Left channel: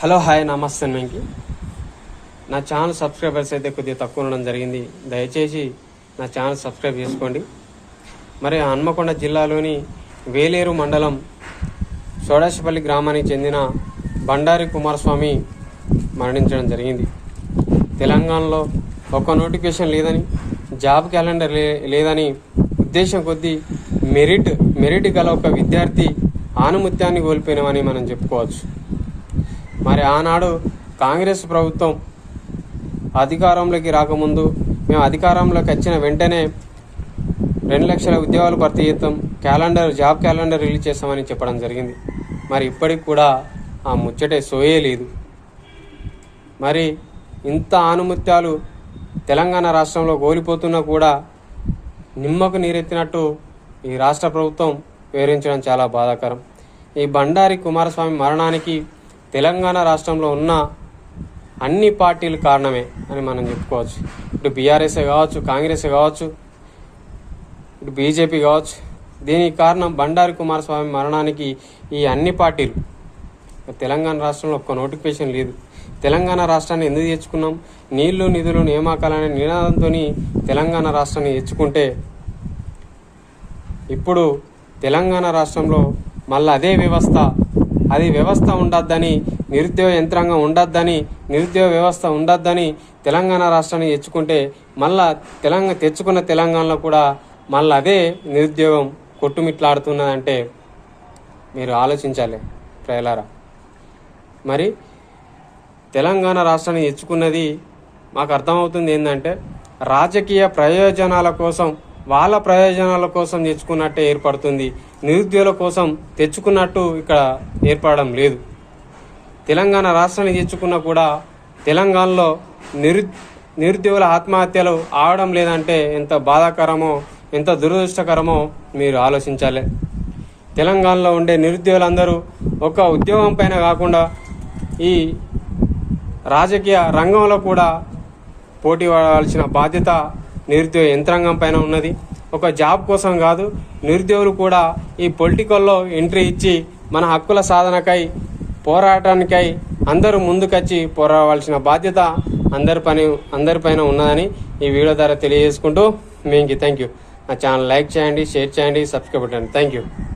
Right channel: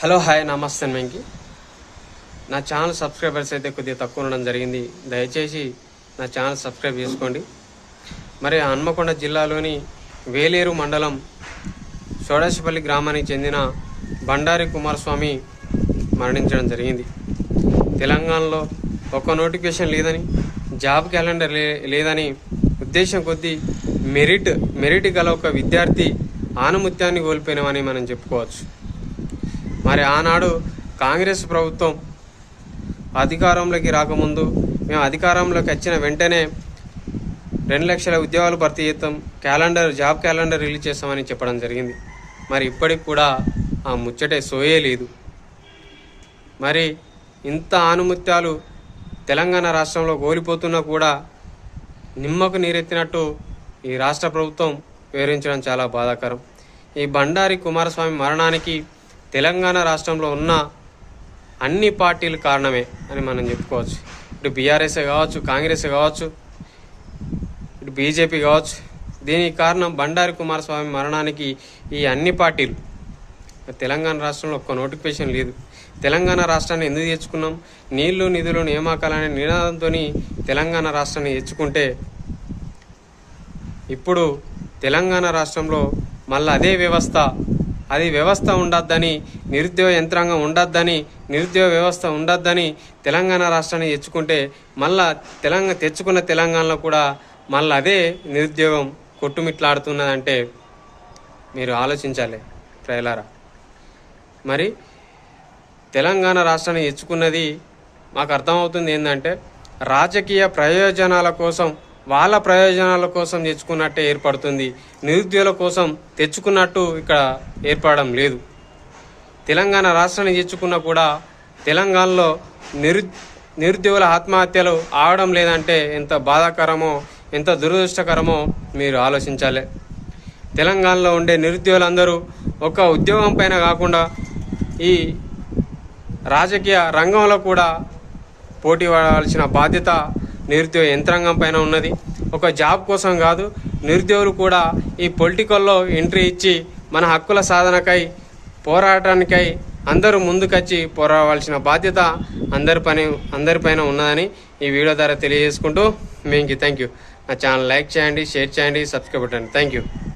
Hello hi నమస్తే వెంకి. నా channel subscribers అయితే కొద్దిగా తక్కువ ఉండడం జరిగింది. దయచేసి నా ఛానల్ సబ్స్క్రైబ్ చేసుకోండి. మరి హన్మకొండ జిల్లాలోని వేలేరు మండలం సోడాశపల్లి గ్రామానికి చెందిన బండారి కుమారస్వామి మరణించడం జరిగింది. తెలంగాణలో ఒక నోటిఫికేషన్ లేదని, జాబ్ క్యాలెండర్ లేదని ఉద్దేశం కొద్దీ మెరిట్ గల ఒక విద్యార్థి ఆనుమత్యాన్ని కోల్పోయినామని మనం చెప్పుకోవచ్చు. మరి ఆనాడు కాంగ్రెస్ ప్రభుత్వం అధికారంలోకి రాకముందు మేము అధికారంలోకి వచ్చిన వెంటనే 2 లక్షల ఉద్యోగాలు భర్తీ చేస్తాం, జాబ్ క్యాలెండర్ రిలీజ్ చేస్తామని చెప్పడం జరిగింది. మరి ఇప్పటికి కూడా ఆ ముచ్చటే సోయే లేదు. మరి ఇంత ఆనుమత్యాలు తెలంగాణ రాష్ట్రంలో కోల్పోతున్నా కూడా నిమ్మకు నీరెత్తినట్టు ఈ రాష్ట్ర ప్రభుత్వం వివరించడం చాలా బాధాకరం. ఈ బండారి కుమారస్వామి మరణానికి తెలంగాణ రాష్ట్రంలో ఉన్న అన్ని పార్టీలు కారణమే అని మనం చెప్పుకోవచ్చు. ఇటు బీఆర్ఎస్ కావచ్చు, కాంగ్రెస్ కావచ్చు, ఇటు బీజేపీ కావచ్చు. దీనికి కారణం బండారి కుమారస్వామి మరణానికి ఈ అన్ని పార్టీలు. తెలంగాణ రాష్ట్రంలో ఒక్క నోటిఫికేషన్ లేదు. తెలంగాణ రాష్ట్రాన్ని ఎందుకు తెచ్చుకున్నాం? నీళ్లు నిధులు నియామకాలనే నినాదంతో తెలంగాణ రాష్ట్రాన్ని తెచ్చుకుంటే ఇప్పుడు తెలంగాణ రాష్ట్రంలో మళ్ళీ అదే వ్యవస్థ ఉండొద్దని, నిరుద్యోగ యంత్రాంగం ఉండొద్దని, నిరుద్యోగ వ్యవస్థ ఉండొద్దని తెలంగాణ రాష్ట్రాన్ని తెచ్చుకుంటే మళ్ళా తెచ్చుకున్న తెలంగాణలో కూడా మళ్ళీ అదే నిరుద్యోగం కొట్టుమిట్లాడుతున్నదంటే మీరు ఆలోచించాలి ప్రజలారా. మరి తెలంగాణ రాష్ట్రాన్ని తెచ్చుకున్నది మాకు అర్థమవుతుంది ఏంటంటే రాజకీయ ప్రయోజనాల కోసం, వాళ్ళ ప్రయోజనాల కోసం తెచ్చుకున్నట్టే ఏర్పడుతుంది. నిరుద్యోగుల కోసం తెచ్చుకున్నట్టు ఇక్కడ ఏర్పడడం లేదు. తెలంగాణ రాష్ట్రాన్ని తెచ్చుకున్నా కూడా తెలంగాణలో నిరుద్యోగుల ఆత్మహత్యలు ఆగడం లేదంటే ఎంత బాధాకరమో, ఎంత దురదృష్టకరమో మీరు ఆలోచించాలి. తెలంగాణలో ఉండే నిరుద్యోగులందరూ ఒక ఉద్యోగం పైన కాకుండా ఈ రాజకీయ రంగంలో కూడా పోటీ పడవలసిన బాధ్యత నిరుద్యోగ యంత్రాంగం పైన ఉన్నది. ఒక జాబ్ కోసం కాదు, నిరుద్యోగులు కూడా ఈ పొలిటికల్లో ఎంట్రీ ఇచ్చి మన హక్కుల సాధనకై, పోరాటానికై అందరూ ముందుకొచ్చి పోరాడవలసిన బాధ్యత అందరిపైన ఉన్నదని ఈ వీడియో ద్వారా తెలియజేసుకుంటూ థ్యాంక్ యూ. నా ఛానల్ లైక్ చేయండి, షేర్ చేయండి, సబ్స్క్రైబ్ చేయండి. Thank you.